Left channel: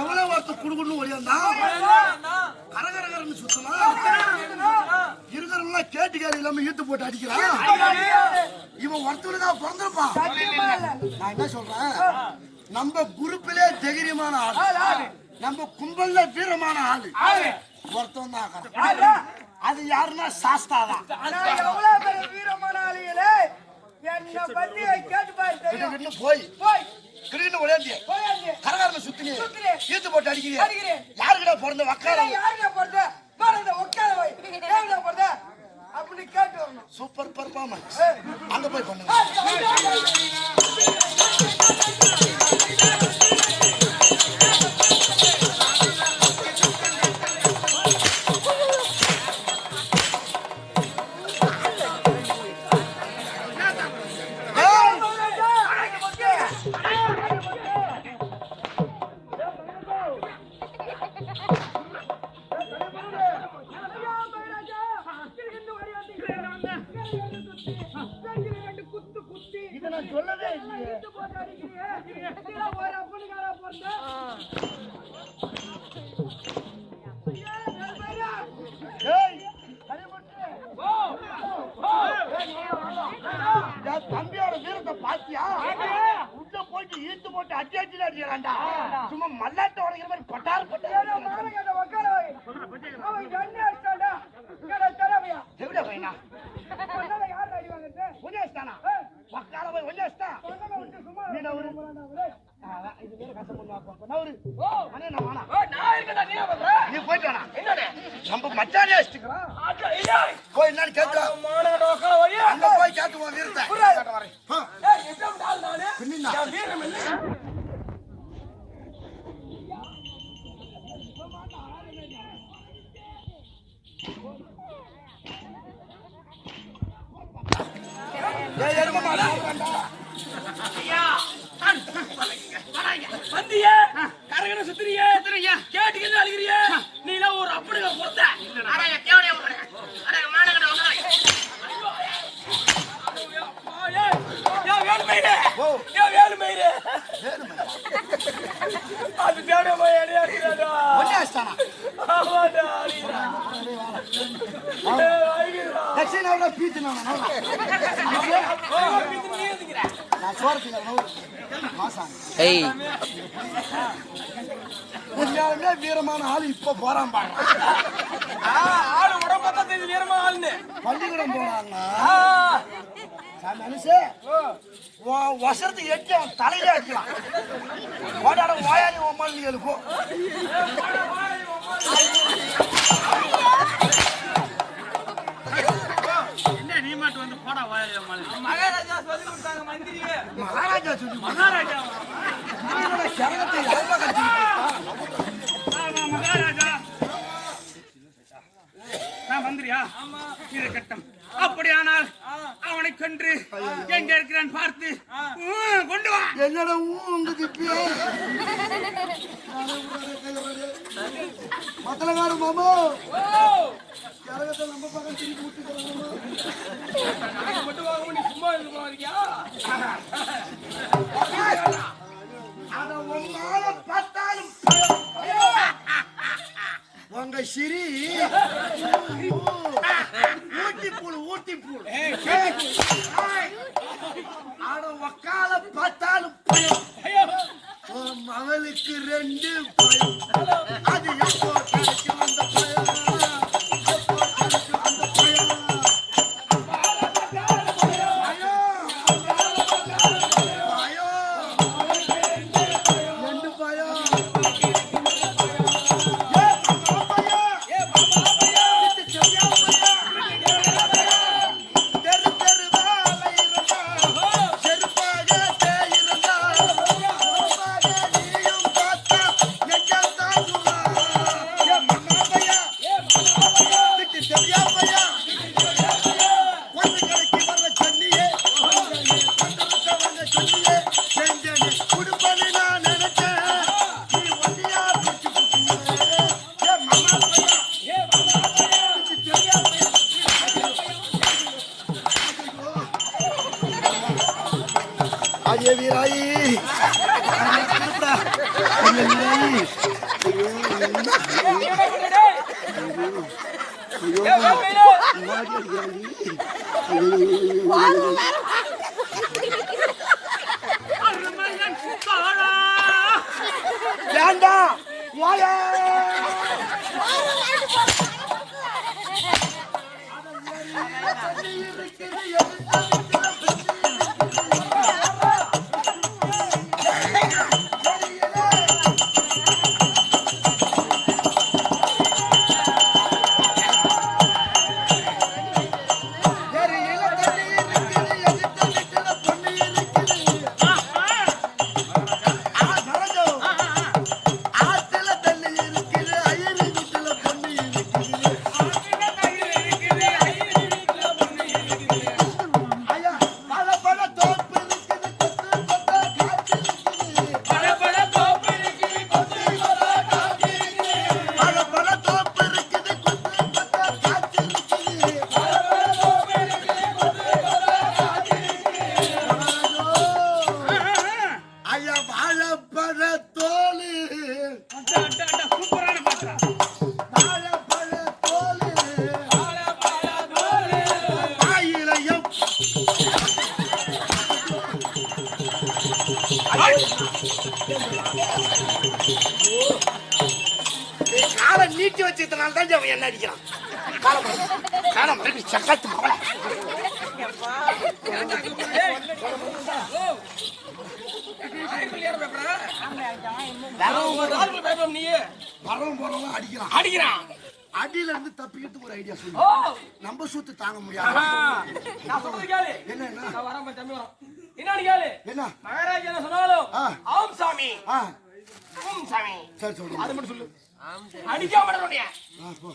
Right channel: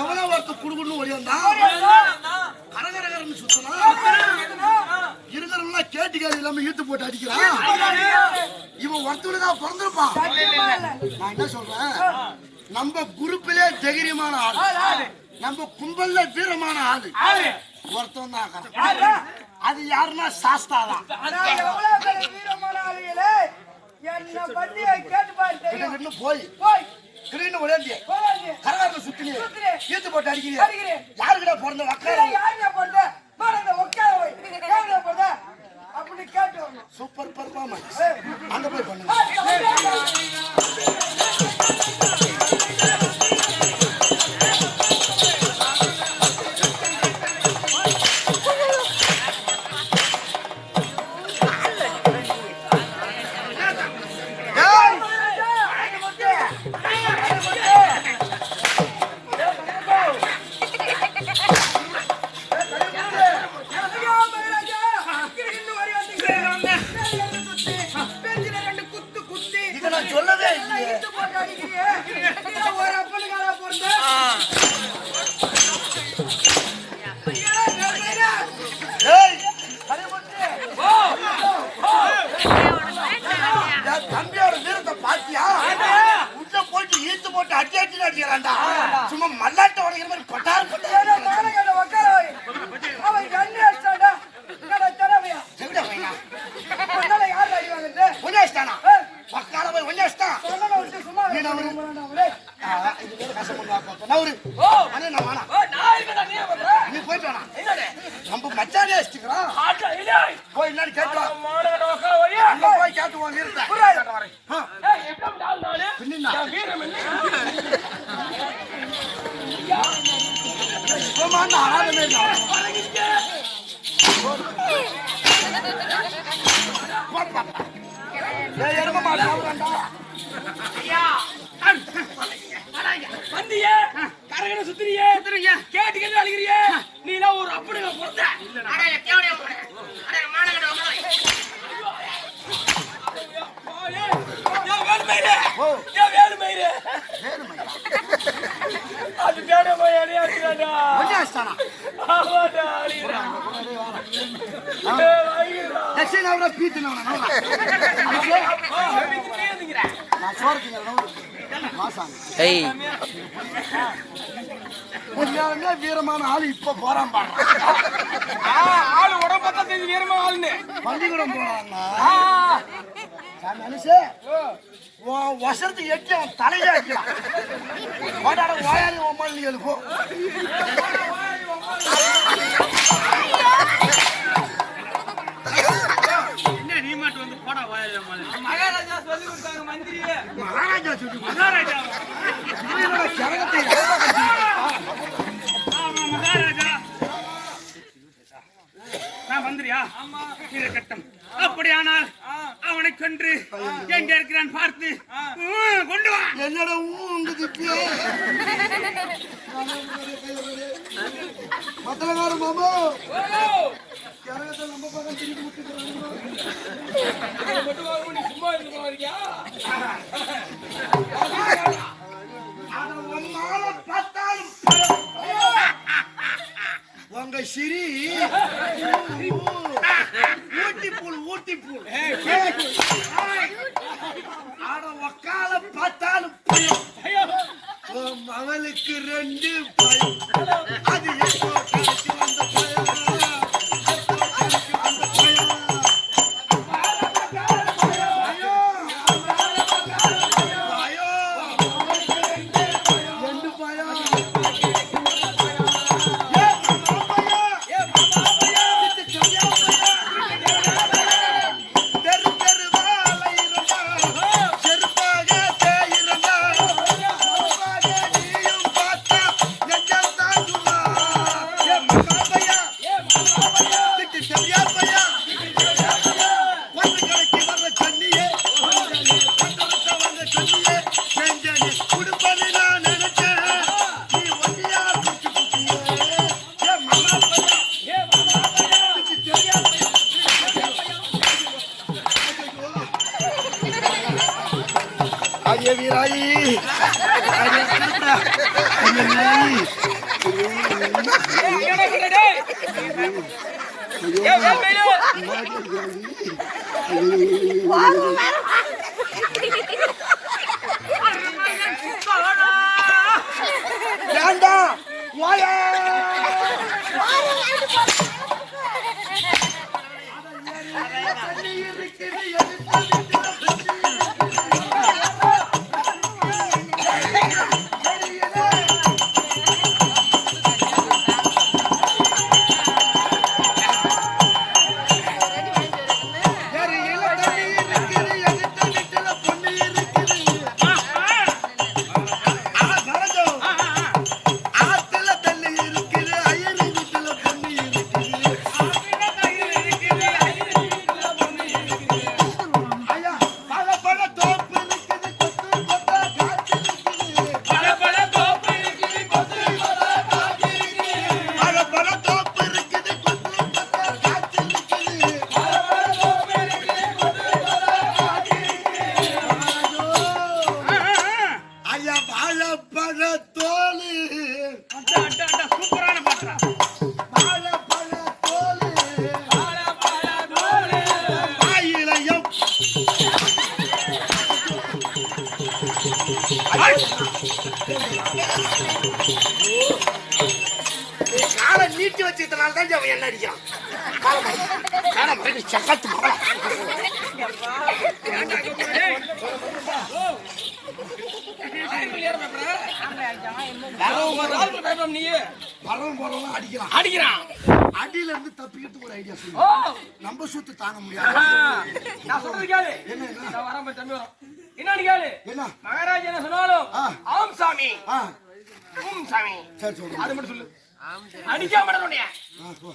எவ்வளவு ஒருத்த குடுக்குன்னு ஒளியந்தா கரகரகரன்னு சுத்தனா இருக்கிறவங்க கேட்டு கேள்வி இல்லாம ஈட்டு போட்டு அடிக்கிறான். இவன் ஒருத்தவனுக்கா பிறந்திருப்பான். நான் என்ன சொல்றேன், நம்ம குரூப்பிலே தைரியமான ஆளு, நம்ம கும்பல்ல வீரமான ஆளு ஒருத்தவன் தான். அது யாருன்னா சாஸ்தாதான். வீரமான ஆளுகளே என்ன பத்தி கேட்டு பாரு. போய் கிரீன் ஒளியந்தி கரகாரத்தை சுத்தி ஈத்து போட்டு அடிக்கிறீங்க. யாருக்கிட்ட பிறந்த வக்கார அப்படி கேட்டு வரணும். Super performance. அங்க போய் பண்ணுங்க. போயிட்டு வேணாம். என்னடே நம்ம மச்சானே வச்சுக்கிறான். ஆட்ல ஏய் போய் என்னன்னு கேட்டா மானகட உட்கார வையா அங்க போய் கேட்டு வாங்க இருக்க. ஏய் எப்ப டால் நானே பின்னினா என் வீரம் என்ன சும்மா ஆளமே இல்ல. ஏய் எருமமா சாவுறடா. ஐயா வந்தியே கரகன சுத்துறியே கேட்டுக்கிட்டு அழுகிறியே நீ எல்லாம் ஒரு அப்படிங்க பொறுத்த அட தேவனே அட மானகட உட்கார ஓ வேலுமயிரு வேணுமையா அது தேட போய் அடியாடுறாடா ஒண்ணாஸ்தானா ஆமாடா அடிடா தட்சிண அவர பீத்துனவன நவரா நான் சோறதுங்க நவரா மாசாங்க ஏய் உண்மையாலுமே வீரமான ஆளு இப்ப போறான் பாரு. ஆளு உடம்பத்த தெரிஞ்சு வீரமா ஆளுன்னு பள்ளிக்கூடம் போறாங்க மனுஷே வருஷத்துக்கு எட்டு அவன் தலையில வைக்கலாம். ஓடாட ஓயாடி ஒம்மாள் எழுப்போ என்ன நீ மட்டும் வந்து போடா வாயில மகாராஜா சொல்லி கொடுத்தாங்க மந்திரியே மகாராஜா சொல்லி மகாராஜா சரகத்தை ஆமா மகாராஜா நான் மந்திரியா ஆமா இது கட்டம் அப்படியானால் அவனை கொன்று எங்க இருக்கிறான் பார்த்து கொண்டு வா என்னடா உங்க திப்பியா மத்தலகார மாமா சரகத்தை நம்ம பக்கம் திருப்பி விட்டுக்கிறாங்க. சும்மா இருந்து போறியா அத உன்னால பார்த்தாலும் உங்க சிரி ஊட்டி பூல் ஆட ஒக்கால பார்த்தாலும் பயம். அவளுக்கு 2 பயம். அது எப்போ கிடைக்கும் அந்த பயம்? எப்போ கிடைக்கும் அந்த பயம்? வேண்டாம் வாயா காலை நீட்டி வச்சதுனால தான் அவன் என்ன அடிக்கிறான். காலை மறுபடி சக்காத்து மவள வரவும் போறவங்க அடிக்கிறான் அடியில இருந்து தப்பிக்கிறதுக்கு ஒரு ஐடியா சொல்லு. நம்ம சூத்து தாங்க முடியாது. நான் சொல்றது கேளு. என்ன நான் வரேன் பாரு, தம்பி வரோம். என்னன்னு கேளு. என்ன மகாராஜா என்ன சொன்னாலும் ஆம் சாமி ஓம் சாமி சரி சொல்லு. அது மட்டும் சொல்லு. அடிக்காம விடணும்யா.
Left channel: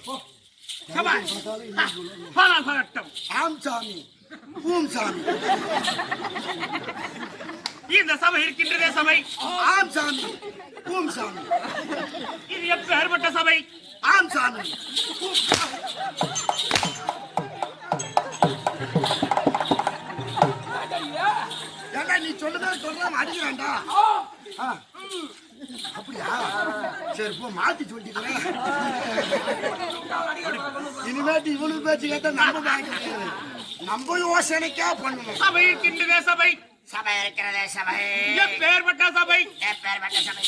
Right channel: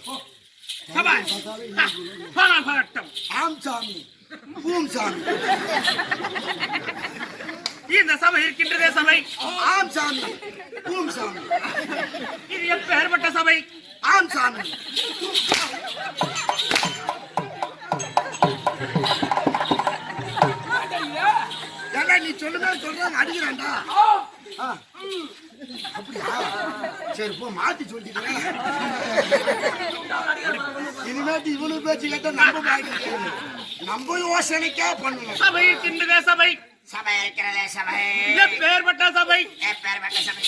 போ. சபாஷ். ஆம் சாமி பூம் சாமி. இந்த சபை இருக்கின்றதே சபை. ஆம் சாமி பூம் சாமி. இது எப்பேற்பட்ட சபை? ஆம் சாமி. ஏண்டா நீ சொல்லுங்க சொல்றேன் அடிக்கிறான்டா. அப்படியா சரி போ மாத்தி சொல்லிக்கிறேன். இனிமேட்டு இவனுக்கு பேச்சு கேட்டா நம்ம யோசனைக்கா பண்ணணும். சபை இருக்கின்றதே சபை. சபை இருக்கிறதே சபை. எப்பேற்பட்ட சபை? எப்பேற்பட்ட சபை.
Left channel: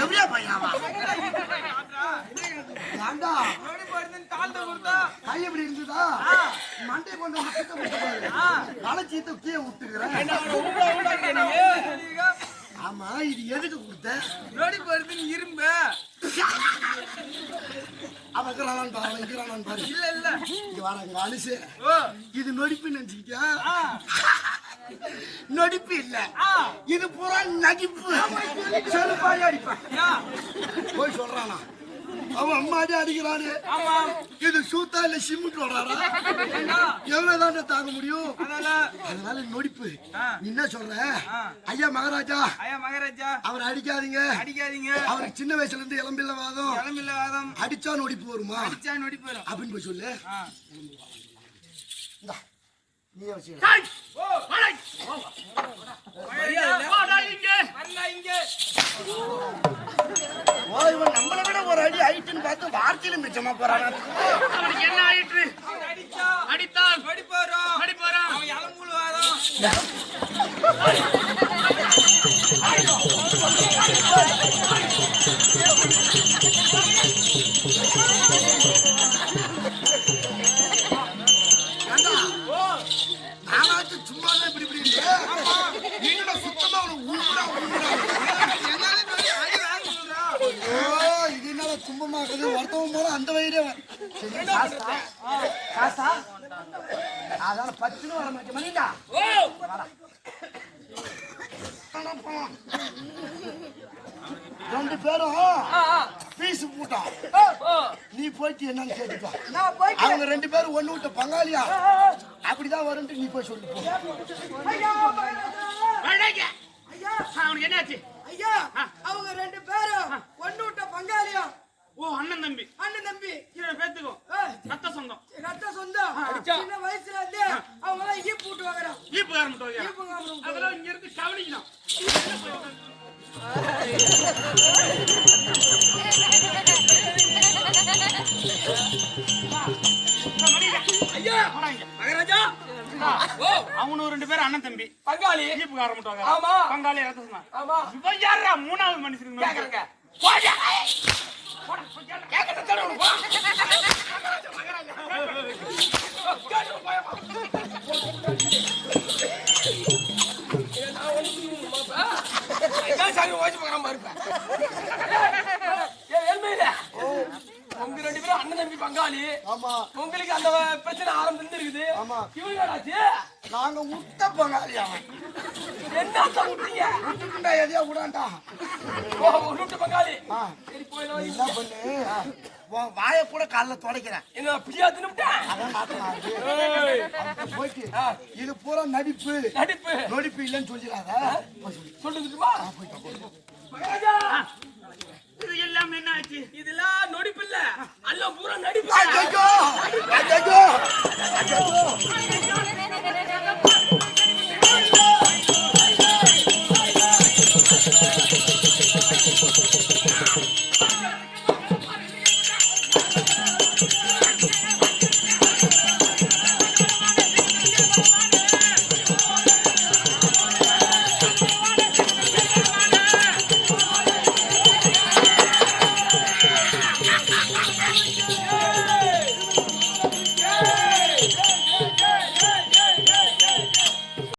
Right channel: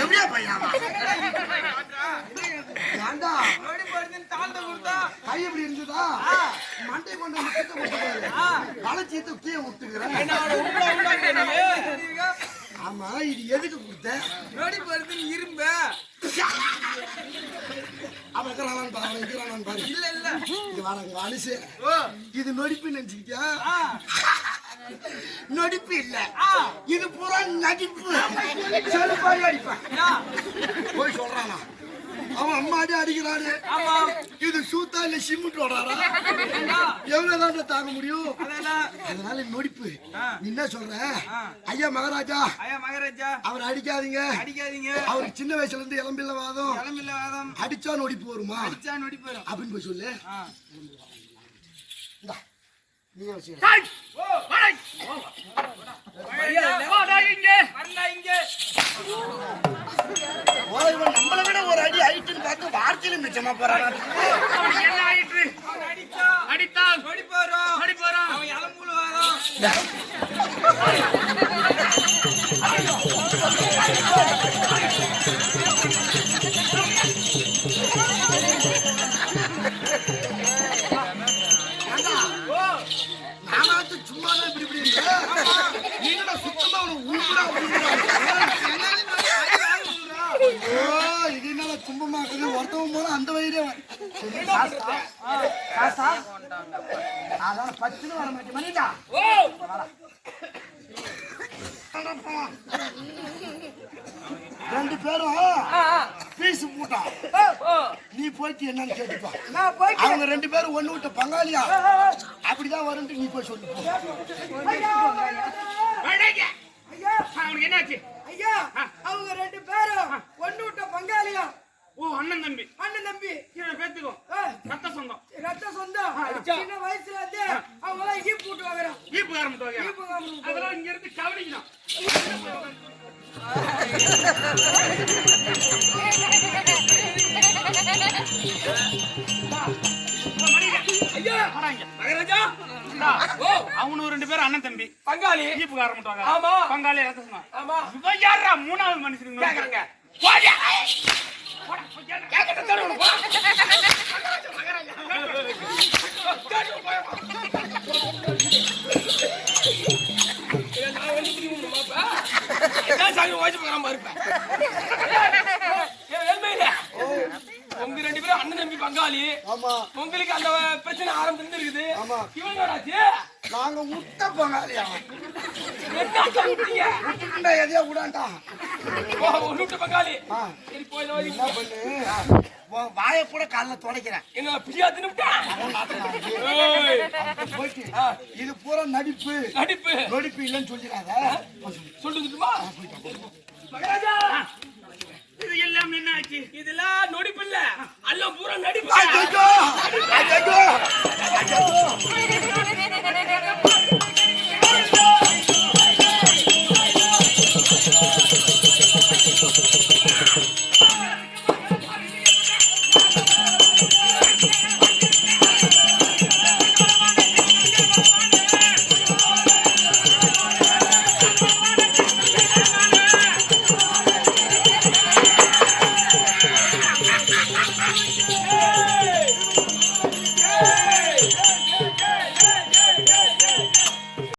எவ்வளோ பையாவா ஏண்டா கை எப்படி இருந்ததா மண்டை கொண்டு வந்து கிட்ட போட்டுப்பாரு. வளைச்சீத்த கீழே விட்டுக்கிறேன். ஆமா இது எதுக்கு கொடுத்த? இரும்பு அவன் இருக்கிறான் பாரு, அவன் இருக்கிறான் பாரு. இல்ல இல்ல இது வாடகை அனுசு. இது நொடிப்பு நினைச்சுக்கியா? நொடிப்பு இல்ல, இது பூரா நடிப்பு. செருப்பாடி அடிப்பான். போய் சொல்றானா அவன் அம்மாடி அடிக்கிறாரு. இது சூத்தா இல்ல சிமெண்ட் வராரா? எவ்வளவுதான் தாங்க முடியும்? அதனால நொடிப்பு. நீ என்ன சொல்ற? ஐயா மகாராஜா அவர் அடிக்காதீங்க. அவருக்கு சின்ன வயசுல இருந்து இளம்பில்ல வாதம். அடிச்சா நொடிப்பு வருமா அப்படின்னு போய் சொல்லு. நீ நம்மளை விட ஒரு அடி ஆயிட்டுன்னு பார்த்து வார்த்தையில மிச்சமா போறான். என்ன ஆயிற்று? அடித்தால் நானாத்து சும்மாதான் இப்படி இப்படி நீங்க சுத்தமா ஊம்புடா. இது என்ன துன்பமாக்குது? ஒருத்தவன் போல அந்த வயிறு அதான் பச்சுன்னு வர மாட்டேன் மணிடா. ரெண்டு பேரும் பீஸ் போட்டான். நீ போயிட்டு என்னன்னு கேட்டுப்பா. அவங்க ரெண்டு பேரும் ஒண்ணு விட்ட பங்காளியா அப்படிதான் வரும். நீ போய் சொல்லு. அவனுக்கு என்னாச்சு? ஐயா அவங்க ரெண்டு பேரும் ஒண்ணு விட்ட பங்காளியா? ஓ அண்ணன் தம்பி கீழே பேத்துக்கும் ரத்த சொந்தம். சின்ன வயசுல இருந்து அவங்க எல்லாம் ஈப்பு விட்டு வாங்குறான். ஈப்பு காரணம் அதெல்லாம் இங்க இருந்து கவனிக்கணும். மகாராஜா அவனு ரெண்டு பேரும் அண்ணன் தம்பி பங்காளி ஈப்பு காரணம். பங்காளி ரத்த சொந்தம். யாரா மூணாவது மனுஷனுக்கு கேக்குறாங்க? உங்க ரெண்டு பேரும் அண்ணன் தம்பி பங்காளி. உங்களுக்கு அந்த பிரச்சனை ஆரம்பத்துல இருக்குது. நாங்க முட்டை பங்காளி. விட்டுட்டா எதையா விடாண்டா பங்காளி. என்ன பண்ணு வாய கூட காலைல துடைக்கிறேன். என்ன பிடியா தின்னுட்டேன். போயிட்டு இது பூரா நடிப்பு நடிப்பு இல்லைன்னு சொல்லிடாத. சொல்லிட்டுமா?